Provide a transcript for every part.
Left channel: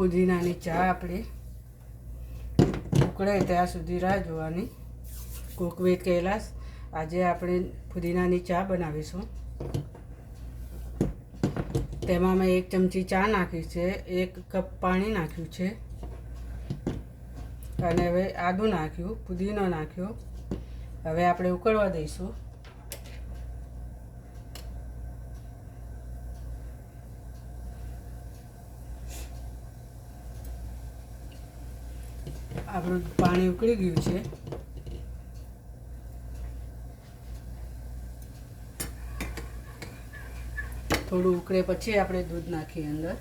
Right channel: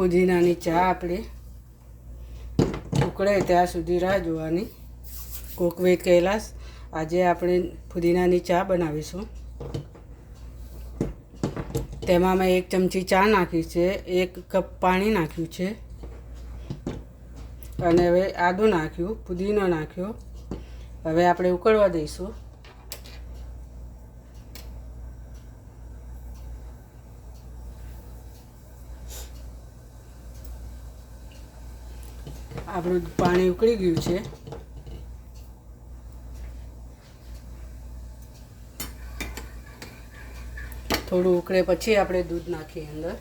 ફુદીનાની ચા આપણે ઉકળે ત્યાં સુધી રાહ જોવાની. Cook with Kailash. આજે આપણે ફુદીનાની ચા બનાવીશું. તેમાં મેં 1 ચમચી ચા નાખી છે, 1 કપ પાણી નાખ્યું છે અને હવે આદું નાખ્યું, પુદીનો નાખ્યો. હવે આપણે ઉકળવા દઈશું. આપણું પાણી ઉકળી ગયું છે. થોડું ઉકળે પછી આપણે દૂધ નાખીએ અંદર.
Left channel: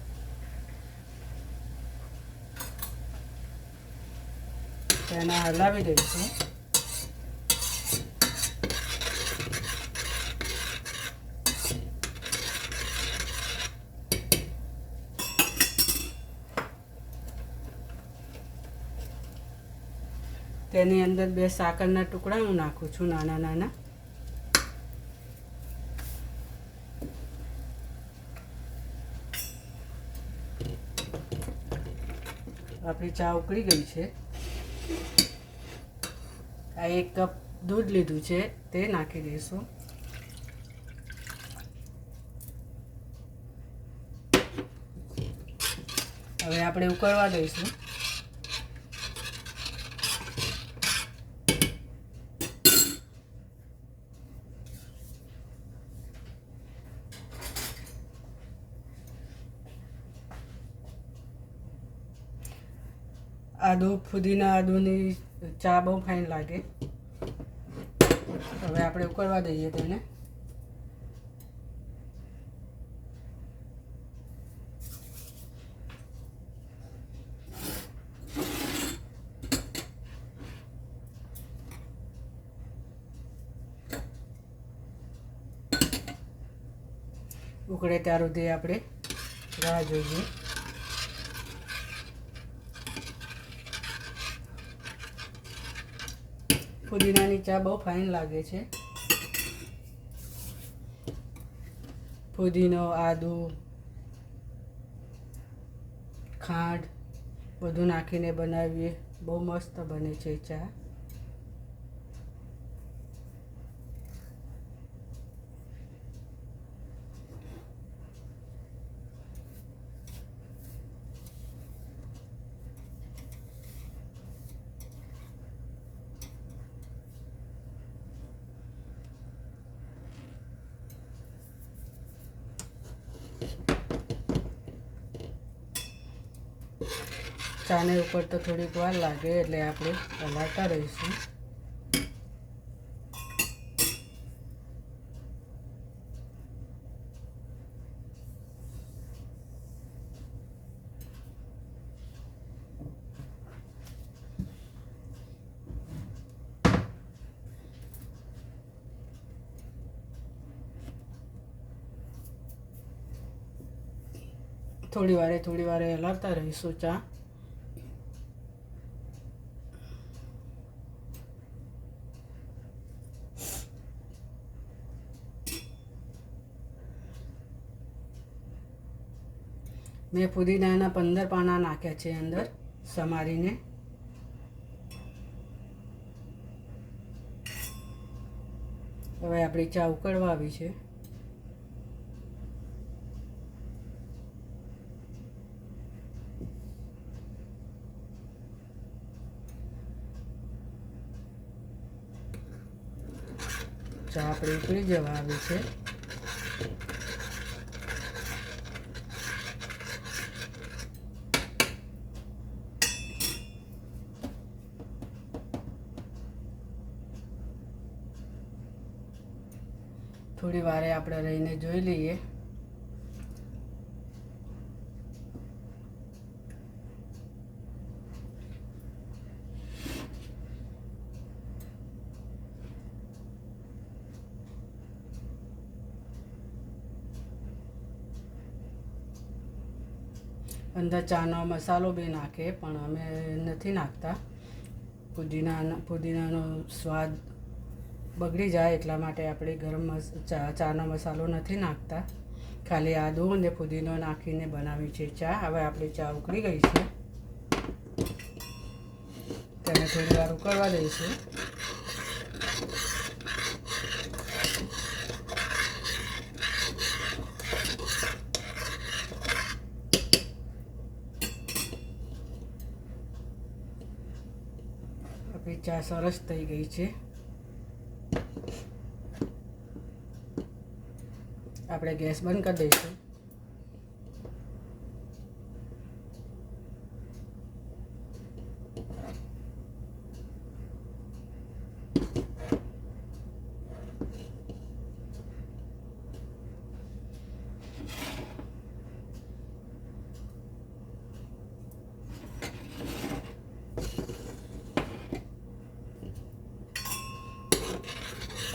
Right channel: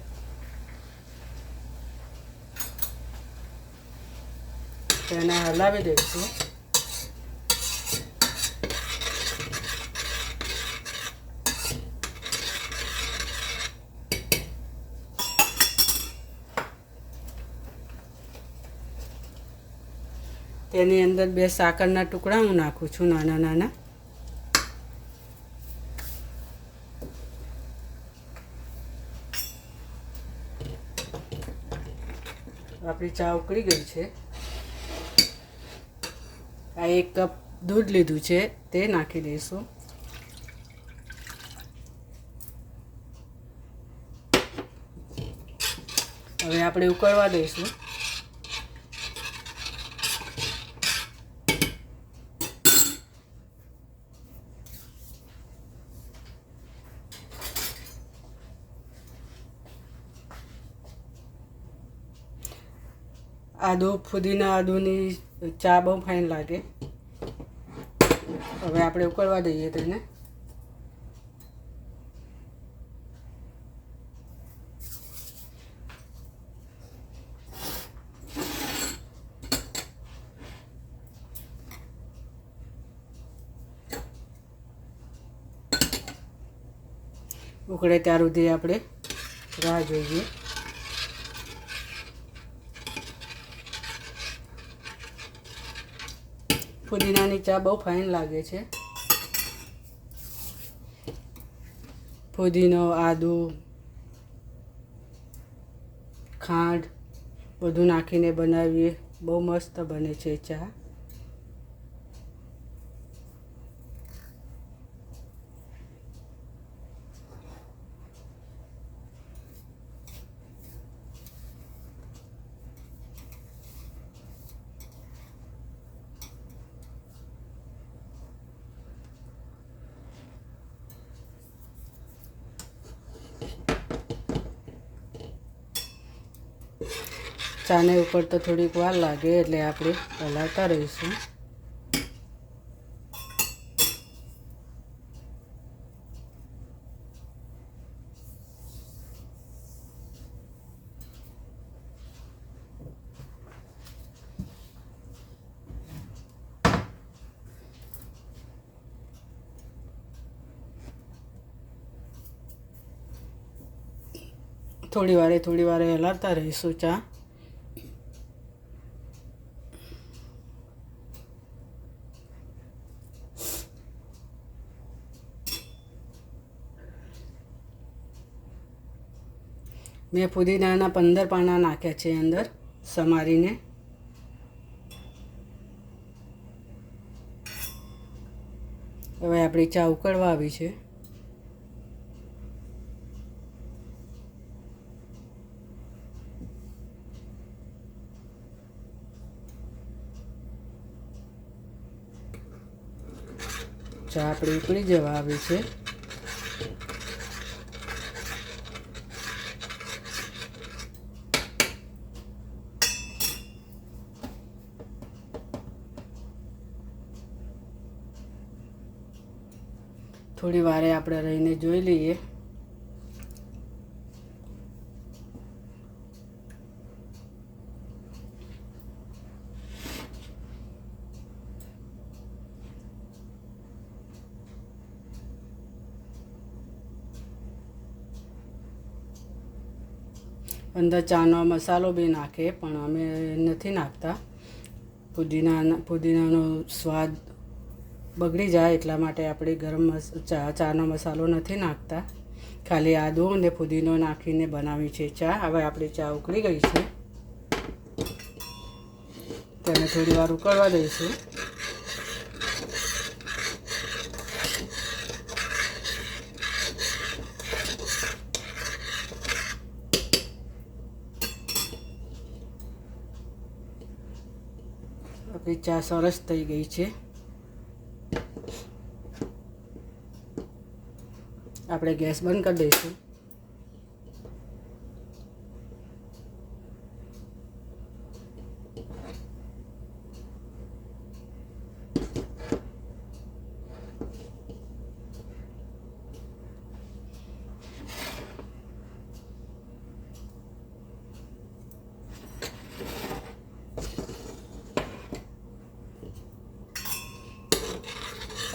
તેને હલાવી દઈશું. તેની અંદર 2 સાકરના ટુકડા હું નાખું છું, નાના નાના. આપણી ચા ઉકળી ગઈ છે. આ 1 કપ દૂધ લીધું છે, તે નાખી દઈશું. હવે આપણે ઉકળવા દઈશું. આદુની ચા બહુ ફાઇન લાગે. હવે આપણે ઉકળવા દઈએ તેને. ઉકળે ત્યાર સુધી આપણે રાહ જોઈએ. ફુદીનાની ચા બહુ ફાઇન લાગે છે. ફુદીનો, આદુ, ખાંડ બધું નાખીને બનાવીએ, બહુ મસ્ત બને છે ચા. ચાને ઉપર તો થોડીક વાર લાગે એટલે આપણે હલાવતા રહીશું. થોડી વારે હલાવતા રહીશું ચા. મેં ફુદીનાના 15 પાના નાખ્યા છે અંદર સમારીને. હવે આપણી ચા ઉકળવા આવી છે. ચા આપણી ઉકળી જવા આવી છે. થોડી વારે આપણે રહીને જોઈ લઈએ. અંદર ચાનો મસાલો બી નાખે, પણ અમે નથી નાખતા. પુદીનાનો સ્વાદ બગડી જાય એટલા માટે આપણે ચાનો મસાલો નથી નાખતા. ખાલી આદુ અને ફુદીનો નાખીને બનાવી છે ચા. હવે આપણી ચા ઉકળી ગઈ છે, તેને થોડી વાર ઉકળવા દઈશું. આપણી ચા સરસ થઈ ગઈ છે. આપણે ગેસ બંધ કરી દઈશું.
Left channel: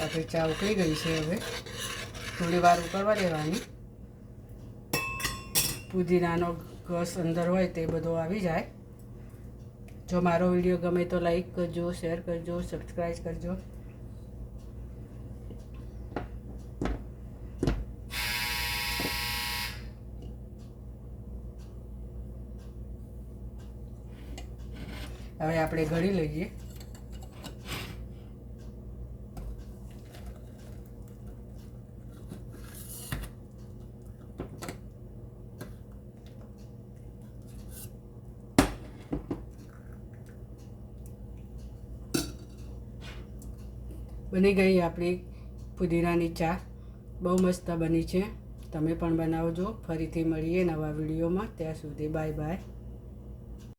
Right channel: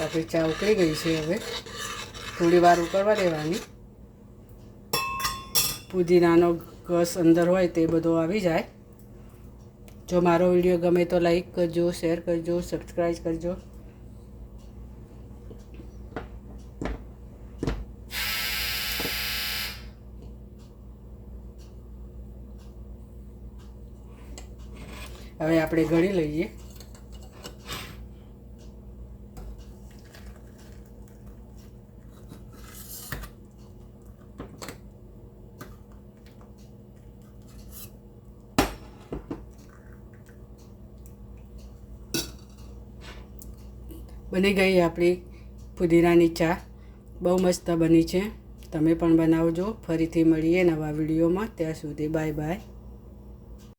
આપણી ચા ઉકળી ગઈ છે. હવે થોડી વાર ઉકળવા દેવાની. પુદીનાનો રસ અંદર હોય તે બધો આવી જાય. જો મારો વિડીયો ગમે તો લાઈક કરજો, શેર કરજો, સબસ્ક્રાઈબ કરજો. હવે આપણે ગળી લઈએ. બની ગઈ આપણી પુદીનાની ચા. બહુ મસ્ત બની છે. તમે પણ બનાવજો. ફરીથી મળીએ નવા વિડીયોમાં. ત્યાં સુધી બાય બાય.